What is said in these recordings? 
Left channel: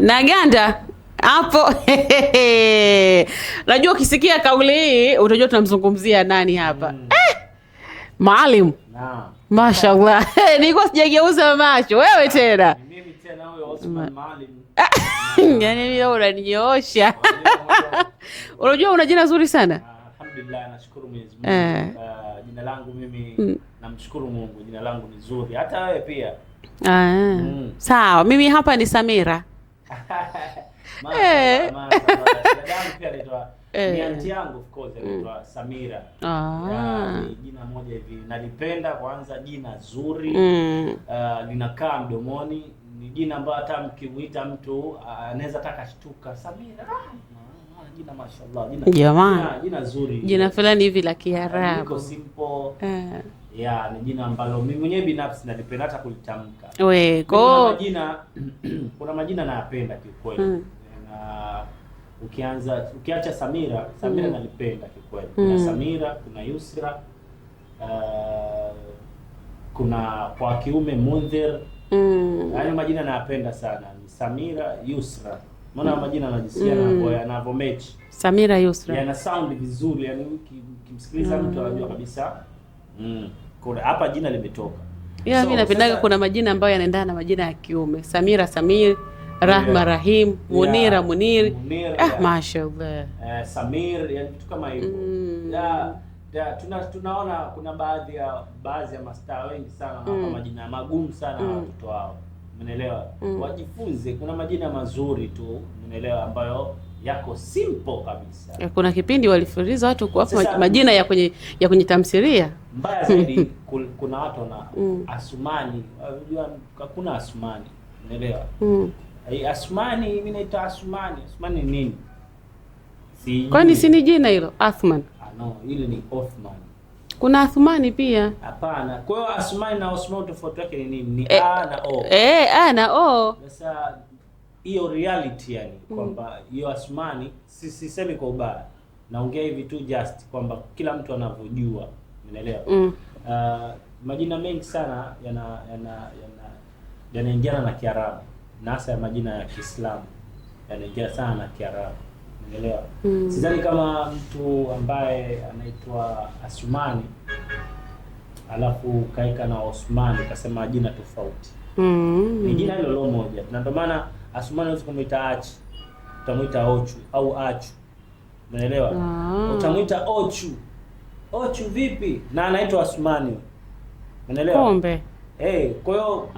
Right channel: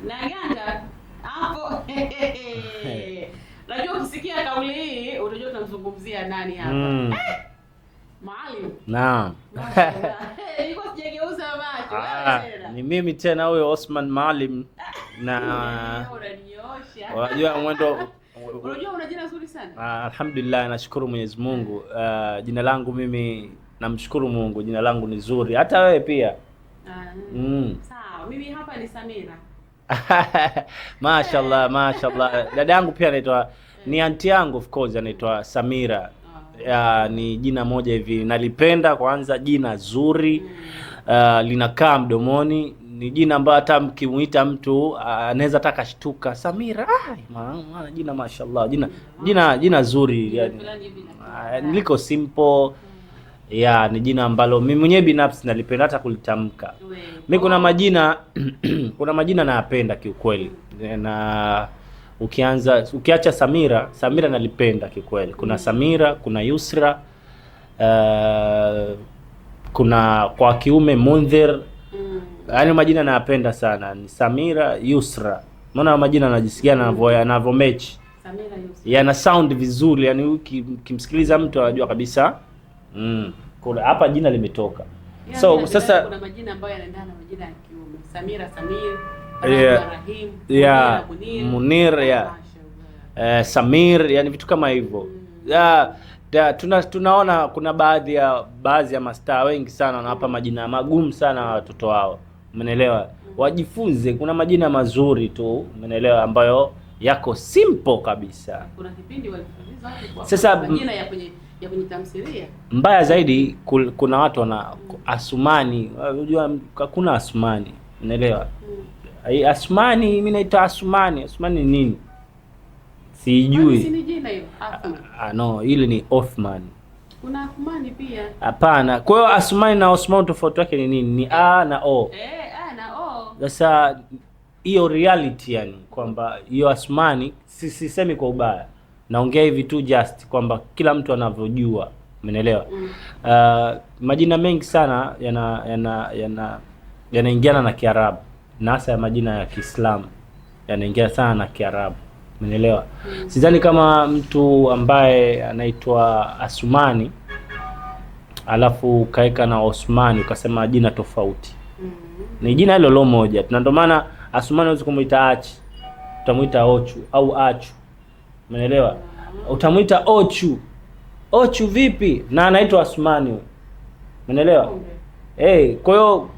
Naganda hapo. Najua ukisikia kauli hii utajua tunamzungumzia nani hapa. Maalim. Naam. Mashallah. Nilikuwa sijageuza macho. Wewe tena. Ni mimi tena huyo Osman Maalim. Yaani mimi unaninyoosha. Unajua una jina zuri sana. Alhamdulillah, nashukuru Mwenyezi Mungu. Jina langu mimi namshukuru Mungu, jina langu ni zuri. Hata wewe pia. Sawa, mimi hapa ni Samira. Mashallah, mashallah. Dada yangu pia anaitwa ni aunti yangu, of course, anaitwa Samira. Ni jina moja hivi nalipenda, kwanza jina zuri. Linakaa mdomoni, ni jina ambalo hata mkimuita mtu anaweza taka shtuka. Samira, maana jina mashallah, jina zuri. Jina fulani hivi la Kiarabu. Liko simple. Ni jina ambalo mimi mwenyewe binafsi nalipenda hata kulitamka. Kuna majina nayapenda kiukweli. Na ukiacha Samira nalipenda kiukweli. Kuna Samira, kuna Yusra, kuna kwa kiume Mundhir. Yaani majina nayapenda sana. Ni Samira, Yusra. Maana majina najisikia yanavyo match. Samira, Yusra. Yana sound vizuri, yani ukimsikiliza mtu anajua kabisa. Kuna hapa jina limetoka. Mimi napenda kuna majina ambayo yanaendana na majina ya kiume. Samira, Samir, Rahma, Rahim, Munira, Munir. Mashallah. Samir, yani vitu kama hivyo. Tunaona kuna baadhi ya mastaa wengi sana wanawapa majina magumu sana watoto wao. Umeelewa? Wajifunze, kuna majina mazuri tu, umeelewa, ambayo yako simple kabisa. Kuna kipindi walifuriza watu kuwapa majina ya kwenye tamthilia. Mbaya zaidi kuna watu wana Asumani. Unajua kuna Asumani, unaelewa? Asumani, mimi naitwa Asumani. Asumani ni nini? Sijui. Kwani si ni jina hilo? Athman. No, ile ni Othman. Kuna Athmani pia. Hapana. Kwa hiyo Asumani na Osman tofauti yake ni nini? Ni A na O. A na O. Sasa hiyo reality, yani kwamba hiyo Asmani sisemi kwa ubaya, naongea hivi tu just kwamba kila mtu anavyojua, umeelewa? Majina mengi sana yanaingiana na Kiarabu, na hasa ya majina ya Kiislamu yanaingia sana na Kiarabu, umeelewa? Sidhani kama mtu ambaye anaitwa Asumani alafu kaeka na Osmani ukasema jina tofauti. Ni jina hilo lo moja. Na ndio maana Asumani unaweza kumuita Achi, utamuita Ochu au Achu. Umeelewa? Utamuita Ochu. Ochu vipi? Na anaitwa Asumani huyo. Umeelewa? Kumbe. Kwa hiyo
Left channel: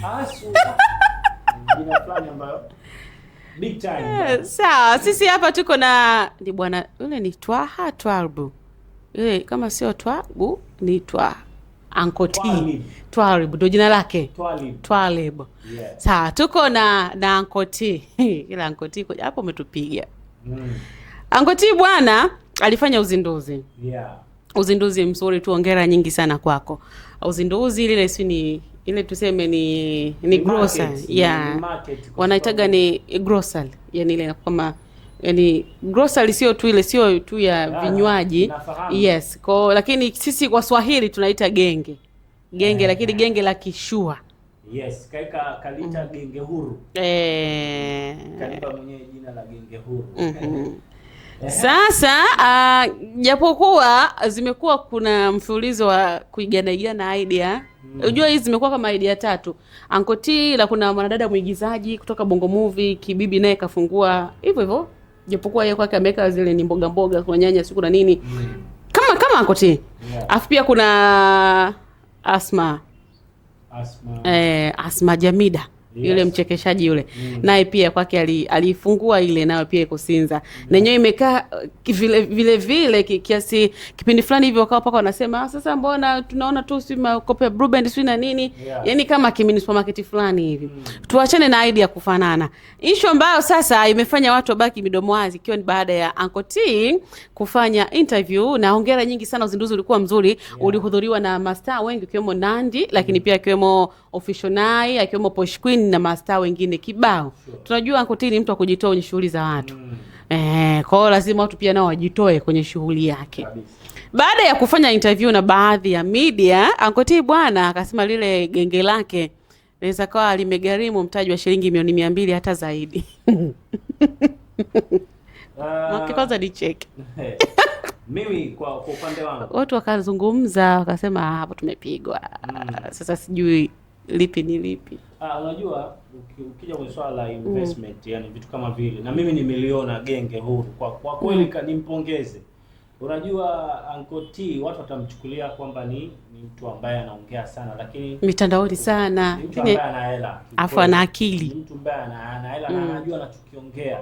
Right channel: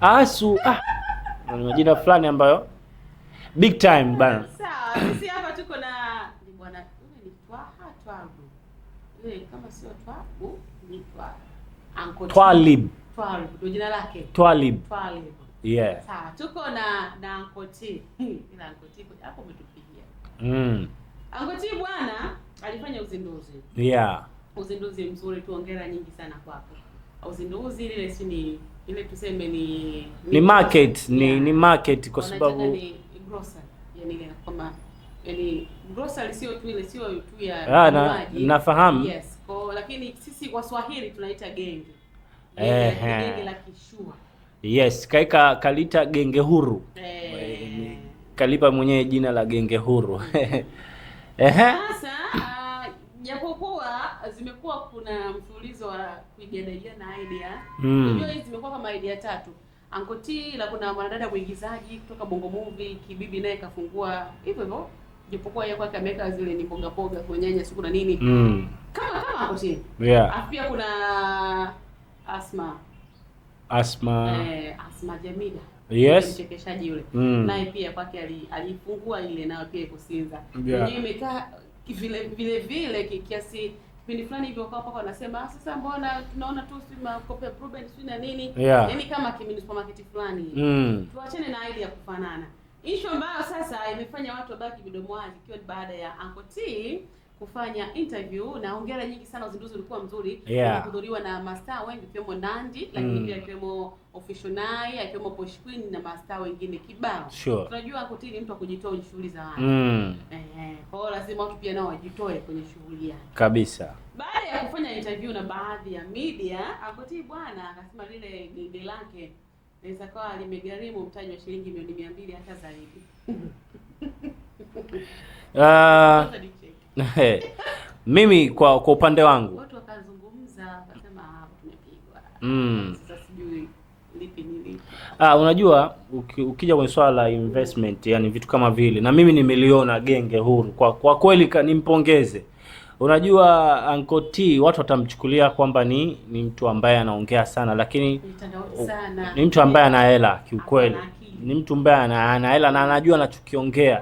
Asu. Jina fulani ambayo big time bana. Sawa, sisi hapa tuko na ni bwana yule ni Twaha Twalbu. Yule kama sio Twabu ni Twaha. Ankoti. Twalib ndio jina lake. Twalib. Yeah. Sawa, tuko na Ankoti. Ila Ankoti hapo umetupiga. Ankoti bwana alifanya uzinduzi. Uzinduzi mzuri tu, hongera nyingi sana kwako. Uzinduzi ile tuseme ni market. Ni market kwa wanaitaga ni grocery. Yaani ile kama grocery sio tu ya vinywaji. Nafahamu. Yes. Lakini sisi kwa Swahili tunaita genge. Lakini genge la kishua. Yes, kalita genge huru. Kalipa mwenyewe jina la genge huru. Sasa japokuwa zimekuwa kuna mfululizo wa kuigana idea. Unajua hizi zimekuwa kama idea 3. Ankoti la kuna mwanadada mwigizaji kutoka Bongo Movie, Kibibi naye kafungua hivyo. Japokuwa yeye kwake ameweka zile ni mboga kwa nyanya siku na nini. Kama Ankoti. Afu pia kuna Asma Jamida. Yule mchekeshaji yule. Naye pia kwake alifungua ile nayo pia iko Sinza. Na yenyewe imekaa vile kiasi kipindi fulani hivyo wakawa paka wanasema sasa mbona tunaona tu si makopo ya Blue Band si na nini. Yaani kama kimini supermarket fulani hivi. Tuachane na idea kufanana. Issue ambayo sasa imefanya watu wabaki midomo wazi ikiwa ni baada ya Ankoti kufanya interview, na hongera nyingi sana, uzinduzi ulikuwa mzuri. Ulihudhuriwa na mastaa wengi ikiwemo Nandi, lakini pia ikiwemo Official Nai, ikiwemo Posh Queen na mastaa wengine kibao. Tunajua Ankoti ni mtu wa kujitoa kwenye shughuli za watu. Kwa hiyo lazima watu pia nao wajitoe kwenye shughuli yake. Kabisa. Baada ya kufanya interview na baadhi ya media, Ankoti bwana akasema lile genge lake inaweza kawa limegharimu mtaji wa shilingi milioni 200 hata zaidi. Nicheke. Mimi kwa upande wangu watu wakazungumza wakasema hapo tumepigwa. Sasa sijui lipi ni lipi. Unajua ukija kwenye swala la investment, yani vitu kama vile, na mimi nimeliona genge huru kwa kweli, nimpongeze. Unajua Uncle T watu watamchukulia kwamba ni mtu ambaye anaongea sana, lakini mitandaoni sana. Ni mtu ambaye ana hela kiukweli. Ana akili. Ni mtu ambaye ana hela na anajua anachokiongea.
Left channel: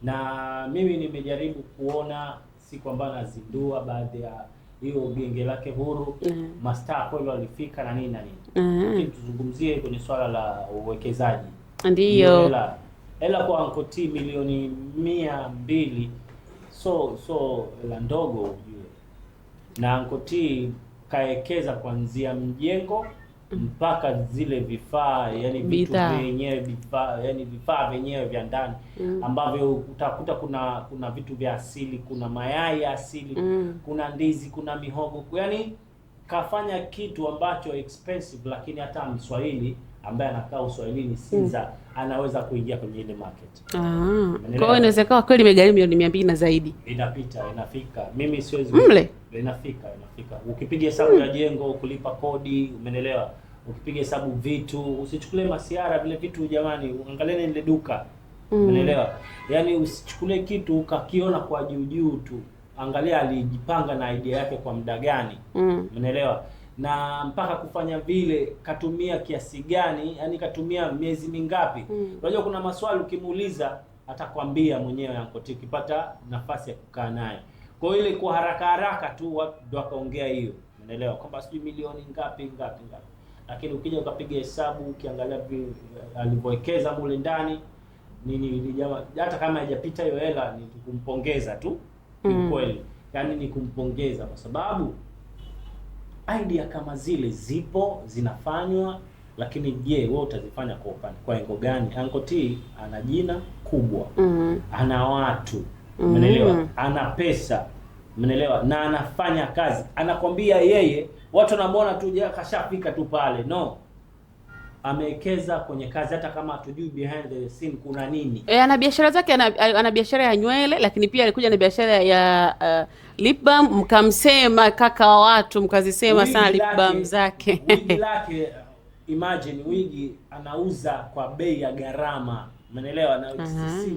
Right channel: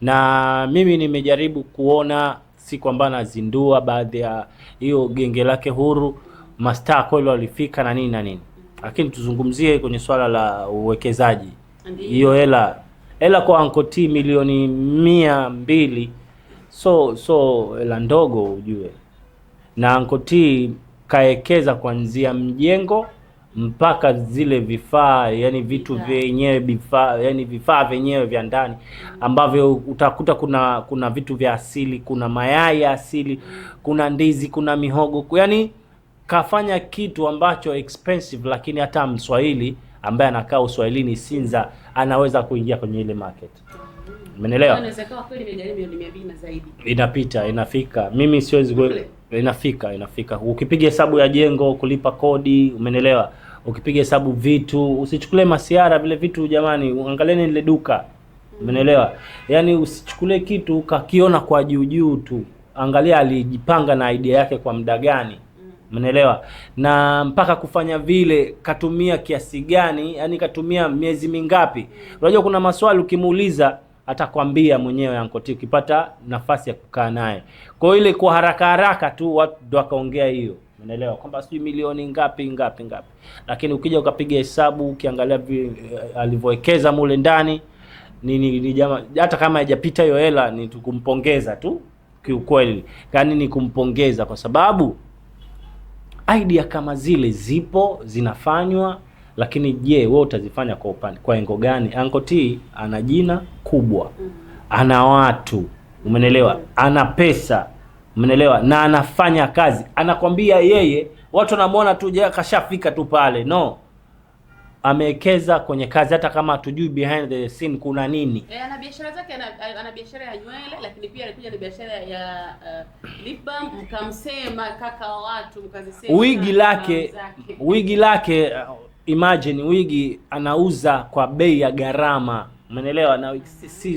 Na mimi nimejaribu kuona si kwamba anazindua baadhi ya hiyo genge lake huru, mastaa kweli walifika na nini na nini. Lakini tuzungumzie kwenye swala la uwekezaji. Ndio. Hiyo hela kwa Uncle T milioni 200 so hela ndogo ujue. Na Uncle T kaekeza kuanzia mjengo mpaka zile vifaa, yani vitu vyenyewe, vifaa vyenyewe vya ndani ambavyo utakuta kuna vitu vya asili, kuna mayai ya asili, kuna ndizi, kuna mihogo. Yani kafanya kitu ambacho expensive, lakini hata Mswahili ambaye anakaa Uswahilini Sinza anaweza kuingia kwenye ile market. Umeelewa? Kwa inaweza kuwa kweli imegharimu milioni 200 na zaidi. Inafika. Mimi siwezi inafika. Ukipiga hesabu ya jengo, kulipa kodi, umeelewa? Ukipiga hesabu vitu, usichukulie masiara vile vitu jamani, angalieni ile duka. Umeelewa? Yaani usichukulie kitu ukakiona kwa juu tu. Angalia alijipanga na idea yake kwa muda gani. Umeelewa? Na mpaka kufanya vile katumia kiasi gani? Yaani katumia miezi mingapi? Unajua kuna maswali ukimuuliza atakwambia mwenyewe Uncle T ukipata nafasi ya kukaa naye. Kwa ile kwa haraka tu watu ndo akaongea hiyo. Umeelewa? Kwamba sijui milioni ngapi. Lakini ukija ukapiga hesabu ukiangalia alivyowekeza mule ndani ni jamaa, hata kama haijapita hiyo hela ni tukumpongeza tu. Kiukweli, yaani ni kumpongeza kwa sababu idea kama zile zipo zinafanywa, lakini je, wewe utazifanya kwa engo gani? Uncle T ana jina kubwa, ana watu, umeelewa? Ana pesa, umeelewa? Na anafanya kazi. Anakwambia yeye watu wanamuona tu kashafika tu pale. No. Amewekeza kwenye kazi, hata kama hatujui behind the scene kuna nini. Ana biashara zake, ana biashara ya nywele, lakini pia alikuja na biashara ya lip balm. Mkamsema kaka wa watu, mkazisema sana lip balm zake. Wigi lake imagine wigi anauza kwa bei ya gharama. Umeelewa? Na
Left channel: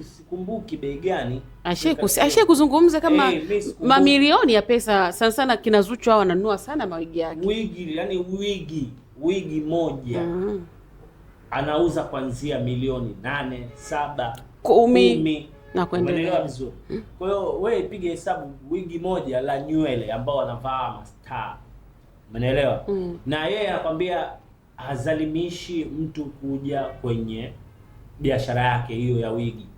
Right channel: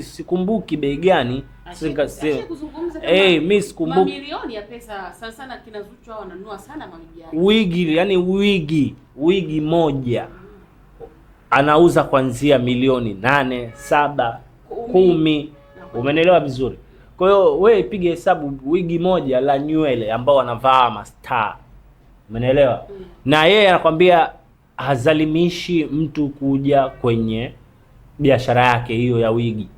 sikumbuki bei gani. Ashie kuzungumza kama mamilioni ya pesa. Sana kina Zuchu hao wananunua sana mawigi yake. Wigi, yani wigi moja anauza kuanzia milioni 8, 7, 10. Umeelewa vizuri? Kwa hiyo wewe piga hesabu wigi moja la nywele ambao wanavaa mastaa. Umeelewa? Na yeye anakwambia hazalimishi mtu kuja kwenye biashara yake hiyo ya wigi.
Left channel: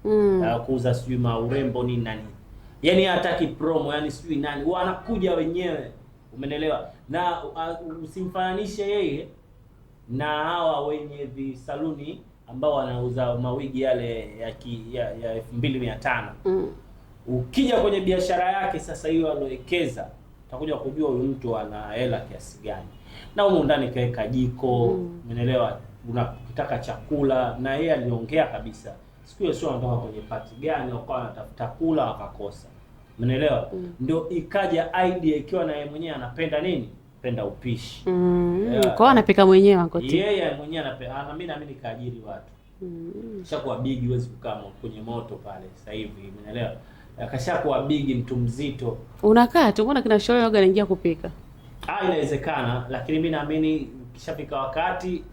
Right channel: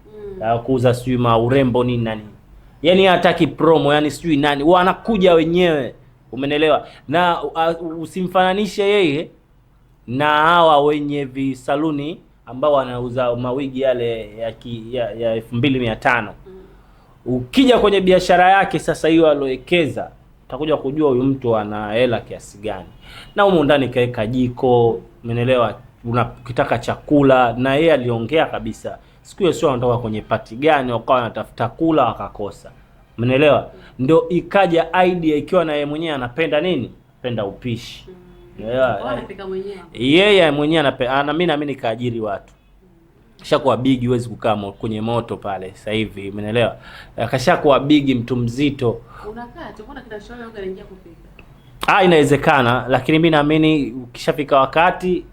Kuuza sijui urembo nini na nini. Yaani hataki promo, yani sijui nani. Wanakuja wenyewe. Umeelewa? Na usimfananishe yeye na hawa wenye visaluni ambao wanauza mawigi yale ya 2500. Ukija kwenye biashara yake sasa hiyo alowekeza, utakuja kujua huyu mtu ana hela kiasi gani. Na humo ndani kaeka jiko, umeelewa? Ukitaka chakula, na yeye aliongea kabisa. Siku hiyo sio anatoka kwenye party gani wakawa wanatafuta kula wakakosa. Umeelewa? Ndio ikaja idea ikiwa na yeye mwenyewe anapenda nini? Penda upishi. Kwa anapika mwenyewe Uncle T. Yeye mwenyewe anapenda. Mimi naamini kaajiri watu. Kishakuwa big, huwezi kukaa kwenye moto pale sasa hivi, umeelewa? Kashakuwa big, mtu mzito. Unakaa tu, mbona kina Shole yoga anaingia kupika? Inawezekana, lakini mimi naamini ukishafika wakati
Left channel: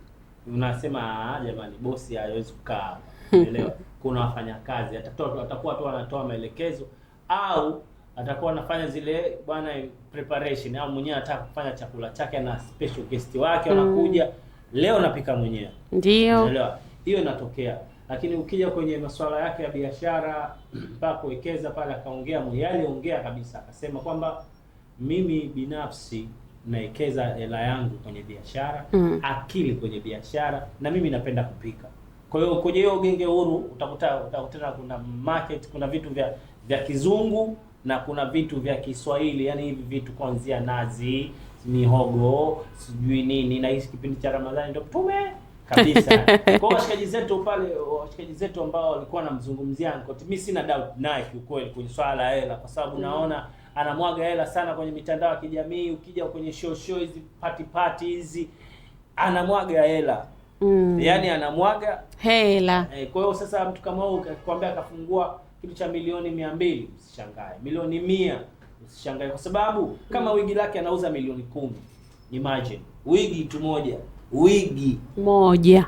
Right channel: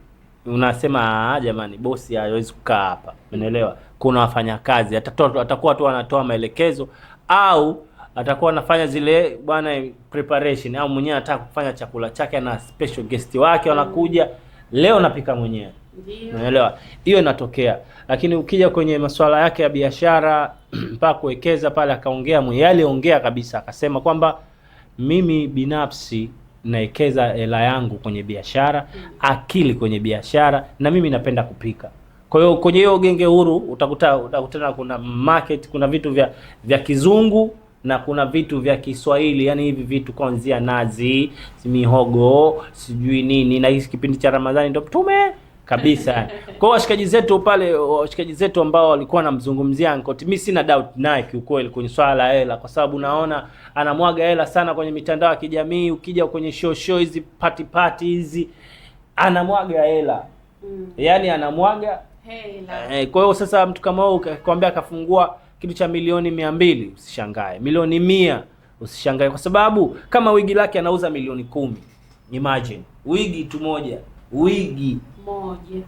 unasema jamani, bosi hawezi kukaa hapa. Umeelewa? Kuna wafanyakazi, atakuwa tu anatoa maelekezo au atakuwa anafanya zile bwana preparation, au mwenyewe anataka kufanya chakula chake na special guest wake wanakuja, leo napika mwenyewe. Ndio. Umeelewa? Hiyo inatokea. Lakini ukija kwenye masuala yake ya biashara mpaka kuwekeza pale, akaongea mwenyewe, aliongea kabisa akasema kwamba mimi binafsi naekeza hela yangu kwenye biashara, akili kwenye biashara, na mimi napenda kupika. Kwa hiyo kwenye hiyo genge huru utakutana kuna market, kuna vitu vya kizungu na kuna vitu vya Kiswahili, yani hivi vitu kuanzia nazi, mihogo, sijui nini. Na hii kipindi cha Ramadhani ndio kabisa. Kwa washikaji zetu pale, washikaji zetu ambao walikuwa wanamzungumzia Uncle T, mimi sina doubt naye kiukweli kwenye swala la hela, kwa sababu naona anamwaga hela sana kwenye mitandao ya kijamii. Ukija kwenye show hizi party hizi anamwaga hela. Yaani anamwaga hela. Kwa hiyo sasa mtu kama wewe ukikwambia akafungua kitu cha milioni 200 usishangae. Milioni 100 usishangae, kwa sababu kama wigi lake anauza milioni 10. Imagine wigi tu moja. Wigi moja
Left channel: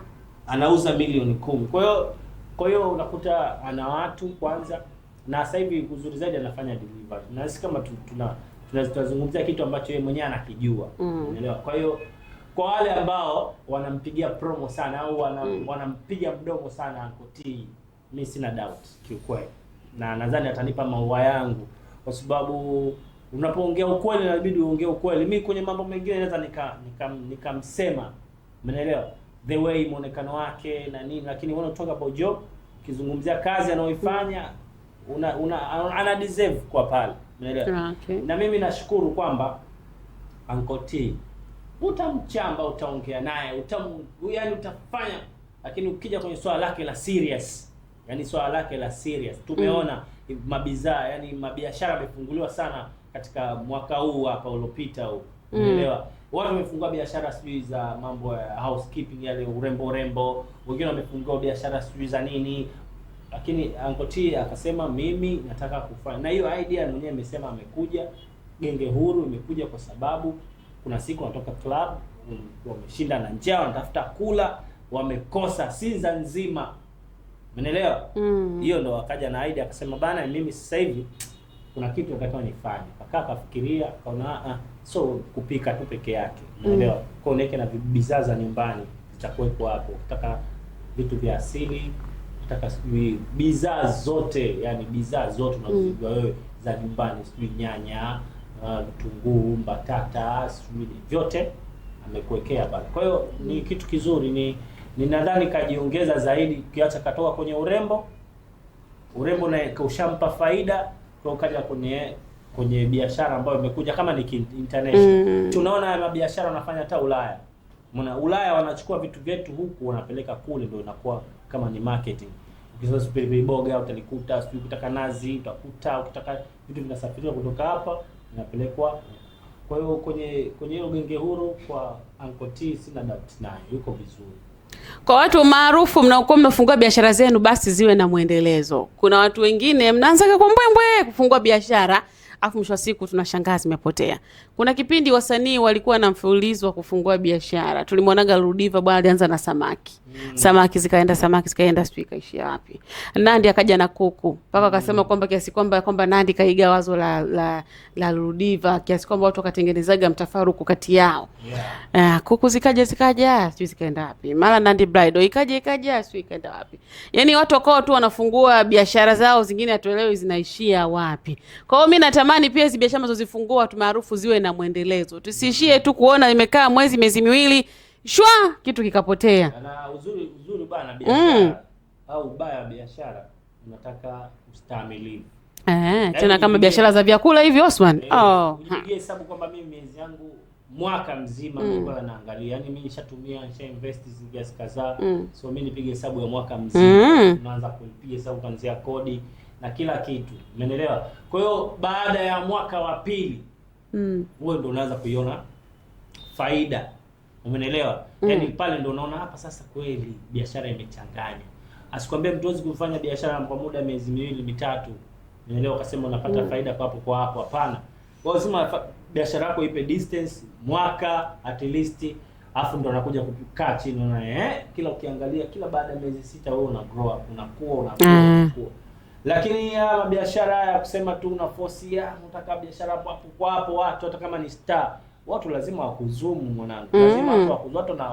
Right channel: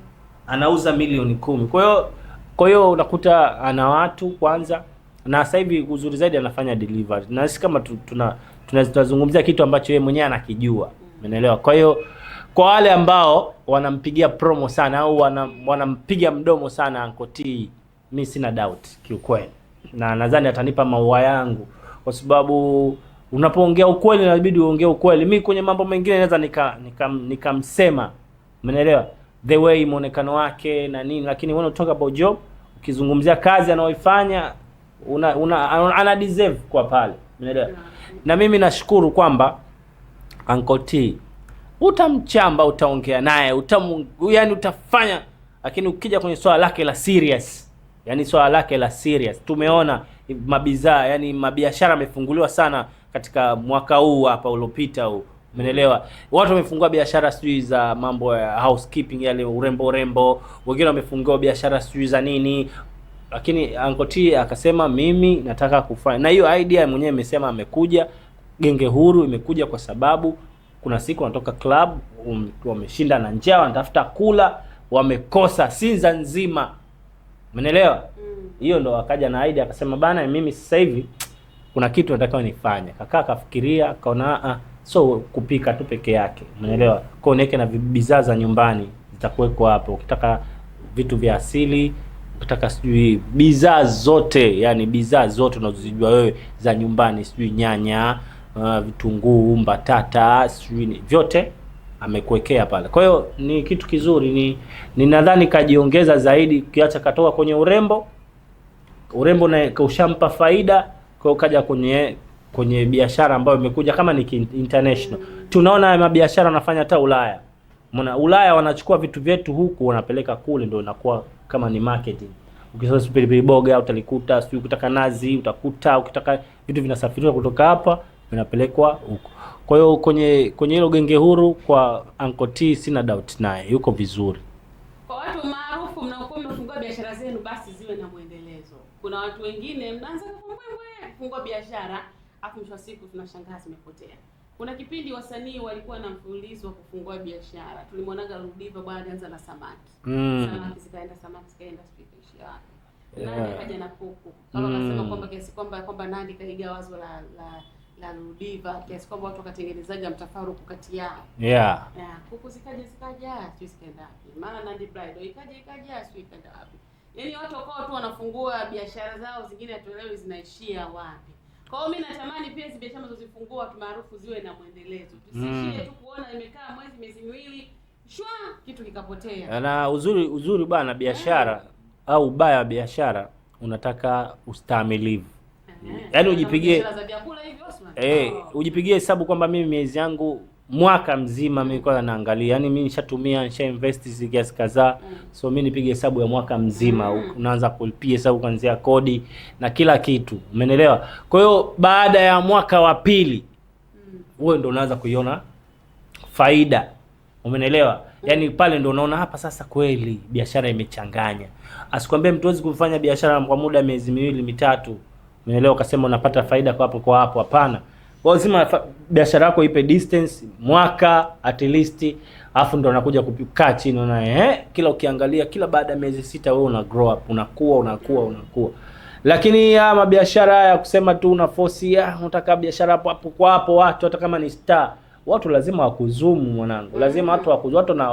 anauza milioni 10. Kwa hiyo unakuta ana watu kwanza, na sasa hivi uzuri zaidi anafanya delivery. Na sisi kama tunazungumzia kitu ambacho yeye mwenyewe anakijua. Unaelewa? Kwa hiyo kwa wale ambao wanampigia promo sana au wanampiga mdomo sana Uncle T, mimi sina doubt kiukweli. Na nadhani atanipa maua yangu, kwa sababu unapoongea ukweli inabidi uongee ukweli. Mimi kwenye mambo mengine naweza nikamsema, umeelewa, the way muonekano wake na nini, lakini when you talk about job, ukizungumzia kazi anayoifanya ana deserve kwa pale, umeelewa. Okay. Na mimi nashukuru kwamba Uncle T utamchamba, utaongea naye, yani utafanya, lakini ukija kwenye swala lake la serious, yani swala lake la serious, tumeona mabizaa, yani mabiashara yamefunguliwa sana katika mwaka huu hapa uliopita huu, umeelewa. Watu wamefungua biashara sijui za mambo ya housekeeping, yani urembo, wengine wamefungua biashara sijui za nini, lakini Uncle T akasema mimi nataka kufanya. Na hiyo idea mwenyewe amesema amekuja Genge Huru, imekuja kwa sababu kuna siku wanatoka club, wameshinda na njaa, wanatafuta kula, wamekosa Sinza nzima, umeelewa. Hiyo ndo akaja na idea akasema bana, mimi sasa hivi kuna kitu nataka nifanye. Kakaa kafikiria, kaona so kupika tu peke yake, umeelewa. Kwa niweke na bidhaa za nyumbani zitakuwekwa hapo. Ukitaka vitu vya asili, ukitaka sijui bidhaa zote, yani bidhaa zote unazojua wewe za nyumbani, sijui nyanya, vitunguu, mbatata, sijui vyote amekuwekea pale. Kwa hiyo ni kitu kizuri, ni nadhani kajiongeza zaidi, kiacha katoka kwenye urembo na kaushampa faida, kwa hiyo kaja kwenye biashara ambayo imekuja kama ni international. Tunaona mabiashara wanafanya hata Ulaya. Umeona Ulaya wanachukua vitu vyetu huku wanapeleka kule, ndio inakuwa kama ni marketing. Ukisema pilipili boga utalikuta, sio ukitaka nazi utakuta, ukitaka vitu vinasafirishwa kutoka hapa vinapelekwa huko. Kwa hiyo kwenye hilo Genge Huru kwa Uncle T sina doubt naye yuko vizuri. Kwa watu maarufu mnaokuwa mmefungua biashara zenu, basi ziwe na muendelezo. Kuna watu wengine mnaanza kwa mbwembwe kufungua biashara, afu mwisho wa siku tunashangaa zimepotea. Kuna kipindi wasanii walikuwa na mfululizo wa kufungua biashara. Tulimwonaga Ludiva bwana alianza na samaki. Samaki zikaenda sijui kaishia wapi. Nandy akaja na kuku. Mpaka akasema kwamba kiasi kwamba Nandy kaiga wazo la Ludiva, kiasi kwamba watu wakatengenezaga mtafaruku kati yao. Kuku zikaja sijui zikaenda wapi. Mara Nandy Bridal ikaja sijui ikaenda wapi. Yaani watu wako tu wanafungua biashara zao, zingine hatuelewi zinaishia wapi. Kwa hiyo mimi natamani pia hizo biashara tunazozifungua watu maarufu ziwe na muendelezo. Tusiishie tu kuona imekaa miezi miwili shwa kitu kikapotea. Na uzuri bana biashara au ubaya wa biashara unataka ustahimilivu. Tuna kama biashara za vyakula hivi Osman. Ujipigie hesabu kwamba mimi miezi yangu mwaka mzima nilikuwa naangalia. Yaani mimi nisha invest kiasi kadhaa. So mimi nipige hesabu ya mwaka mzima. Unaanza kulipia hesabu kuanzia kodi na kila kitu. Umeelewa? Kwa hiyo baada ya mwaka wa pili wewe ndio unaanza kuiona faida. Umeelewa? Yaani pale ndio unaona hapa sasa kweli biashara imechanganya. Asikwambie mtu hawezi kufanya biashara kwa muda miezi miwili mitatu. Umeelewa, ukasema unapata faida kwa hapo, hapana. Lazima biashara yako ipe distance mwaka at least, afu ndio unakuja kukaa chini na kila ukiangalia kila baada ya miezi 6 wewe una grow up, unakuwa. Lakini ya mabiashara ya kusema tu una force unataka biashara hapo kwa hapo, watu hata kama ni star, watu lazima wakuzumu mwanangu. Lazima watu wakuzumu, watu na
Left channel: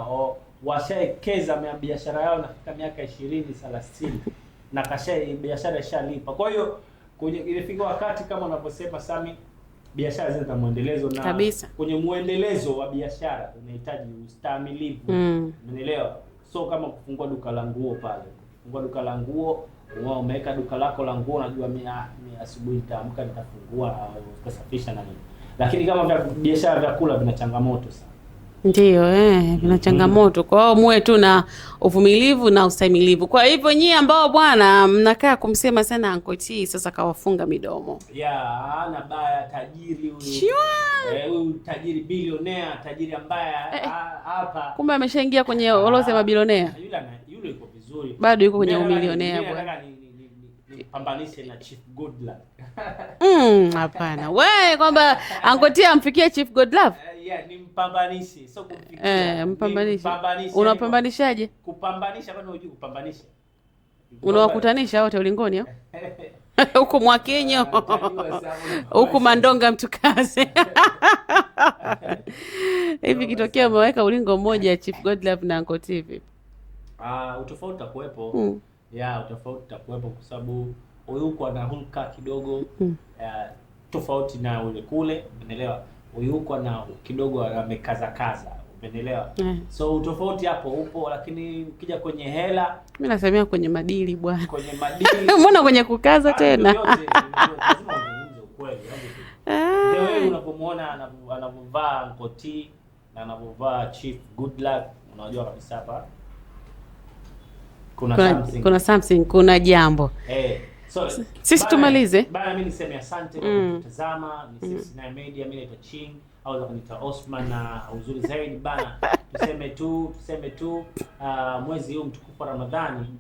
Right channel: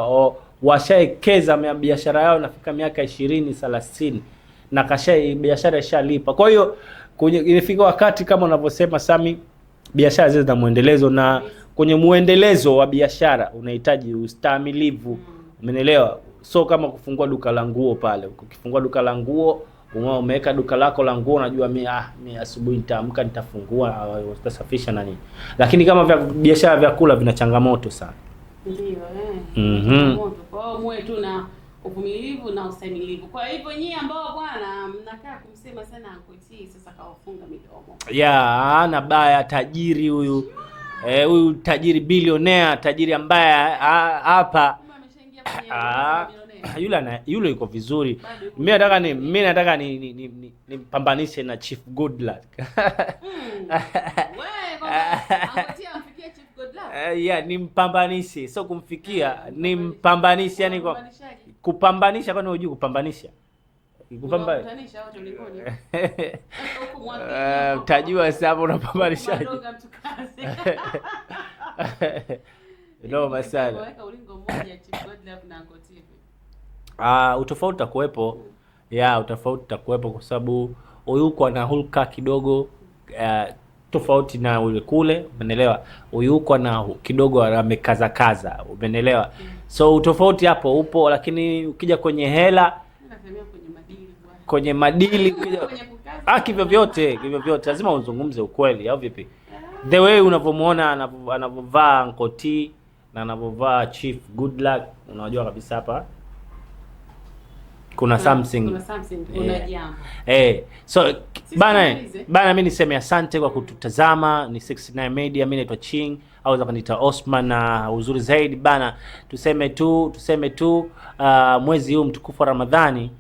washaekeza biashara yao nafika miaka 20 30 na biashara ishalipa. Kwa hiyo imefika wakati kama unavyosema Sami, biashara zile za muendelezo, na kabisa. Kwenye muendelezo wa biashara unahitaji ustahimilivu. Umeelewa? So kama kufungua duka la nguo pale, ukifungua duka la nguo, umeweka duka lako la nguo, unajua mimi asubuhi nitaamka nitafungua, utasafisha na nini. Lakini kama biashara vya vyakula vina changamoto sana. Ndio na changamoto. Kwa hiyo muwe tu na uvumilivu na ustahimilivu. Kwa hivyo nyie ambao bwana mnakaa kumsema sana Uncle T, sasa kawafunga midomo. Na baya tajiri huyu. Huyu tajiri bilionea, tajiri ambaye hapa kumbe ameshaingia kwenye orodha ya mabilionea. Yule yuko vizuri. Bado yuko kwenye bilionea. Mimi nataka nipambanishe na Chief Godluck. Hapana. Wewe kwamba Uncle T amfikie Chief Godluck? Nimpambanishe, sio kumfikia. Nimpambanishe. Unapambanishaje? Kupambanisha, kwani unajua kupambanisha? Unawakutanisha wote ulingoni hapo? Huko Mwakinyo. Utajua sababu unapambanisha. Huko Mandonga Mtukaze. Hivi kitokea umeweka ulingo mmoja Chief Godluck na Uncle T vipi? Utofauti utakuwepo. Utofauti utakuwepo kwa sababu Oyuko ana hulka kidogo tofauti na ule kule, umeelewa? Oyuko na kidogo amekaza, umeelewa? So utofauti hapo upo, lakini ukija kwenye hela, mimi nasemea kwenye madili bwana. Kwenye madili. Mbona kwenye kukaza tena? Hivyo vyote lazima uzungumze ukweli au vipi? The way unavomuona anavovaa Uncle T na anavovaa Chief Godluck, unajua kabisa hapa kuna something, kuna jambo. So sisi tumalize. Bana mimi niseme asante kwa kututazama. Ni 69 Media, mimi naitwa Ching au zapaniita Osman, na uzuri zaidi bana tuseme tu mwezi huu mtukufu wa Ramadhani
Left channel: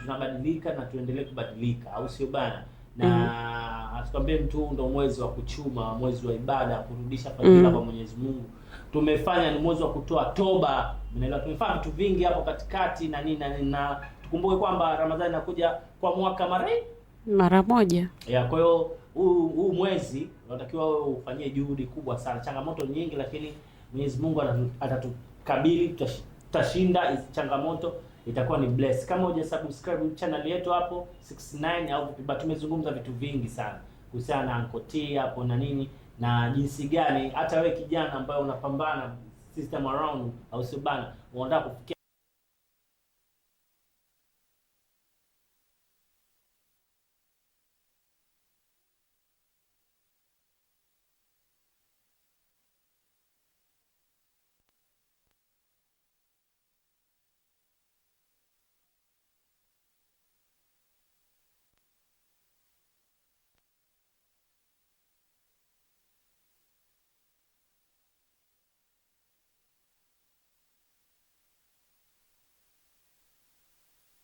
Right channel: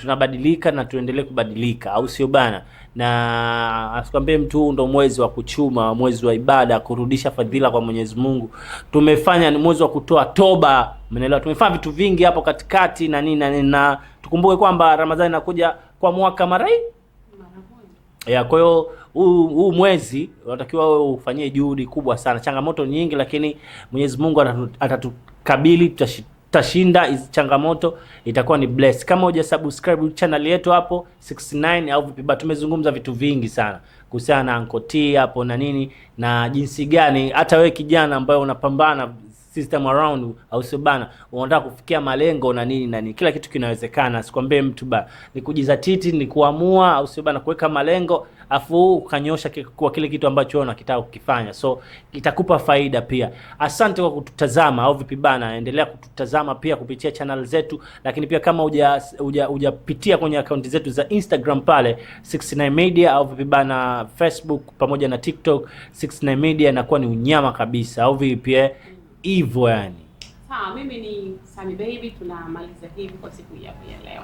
tunabadilika na tuendelee kubadilika, au sio bana? Na asikwambie mtu ndo mwezi wa kuchuma, mwezi wa ibada, kurudisha fadhila kwa Mwenyezi Mungu. Tumefanya ni mwezi wa kutoa toba, umeelewa? Tumefanya vitu vingi hapo katikati na nini na tukumbuke kwamba Ramadhani inakuja kwa mwaka mara moja. Kwa hiyo huu mwezi unatakiwa wewe ufanyie juhudi kubwa sana. Changamoto nyingi, lakini Mwenyezi Mungu atatukabili, tutashinda hizo changamoto, itakuwa ni bless. Kama hujasubscribe channel yetu hapo 69 au vipi, tumezungumza vitu vingi sana kuhusiana na Uncle T hapo na nini na jinsi gani hata wewe kijana ambaye unapambana system around, au sio bana, unataka kufikia malengo na nini, kila kitu kinawezekana. Sikwambie mtu ni kujizatiti, ni kuamua, au sio bana, kuweka malengo afu ukanyosha kwa kile kitu ambacho unakitaka kukifanya, so itakupa faida pia. Asante kwa kututazama au vipi bana, endelea kututazama pia kupitia channel zetu, lakini pia kama hujapitia kwenye account zetu za Instagram pale 69 Media au vipi bana, Facebook pamoja na TikTok 69 Media, inakuwa ni unyama kabisa, au vipi hivyo yani. Mimi ni Sami Baby, tunamaliza hivi kwa siku ya leo.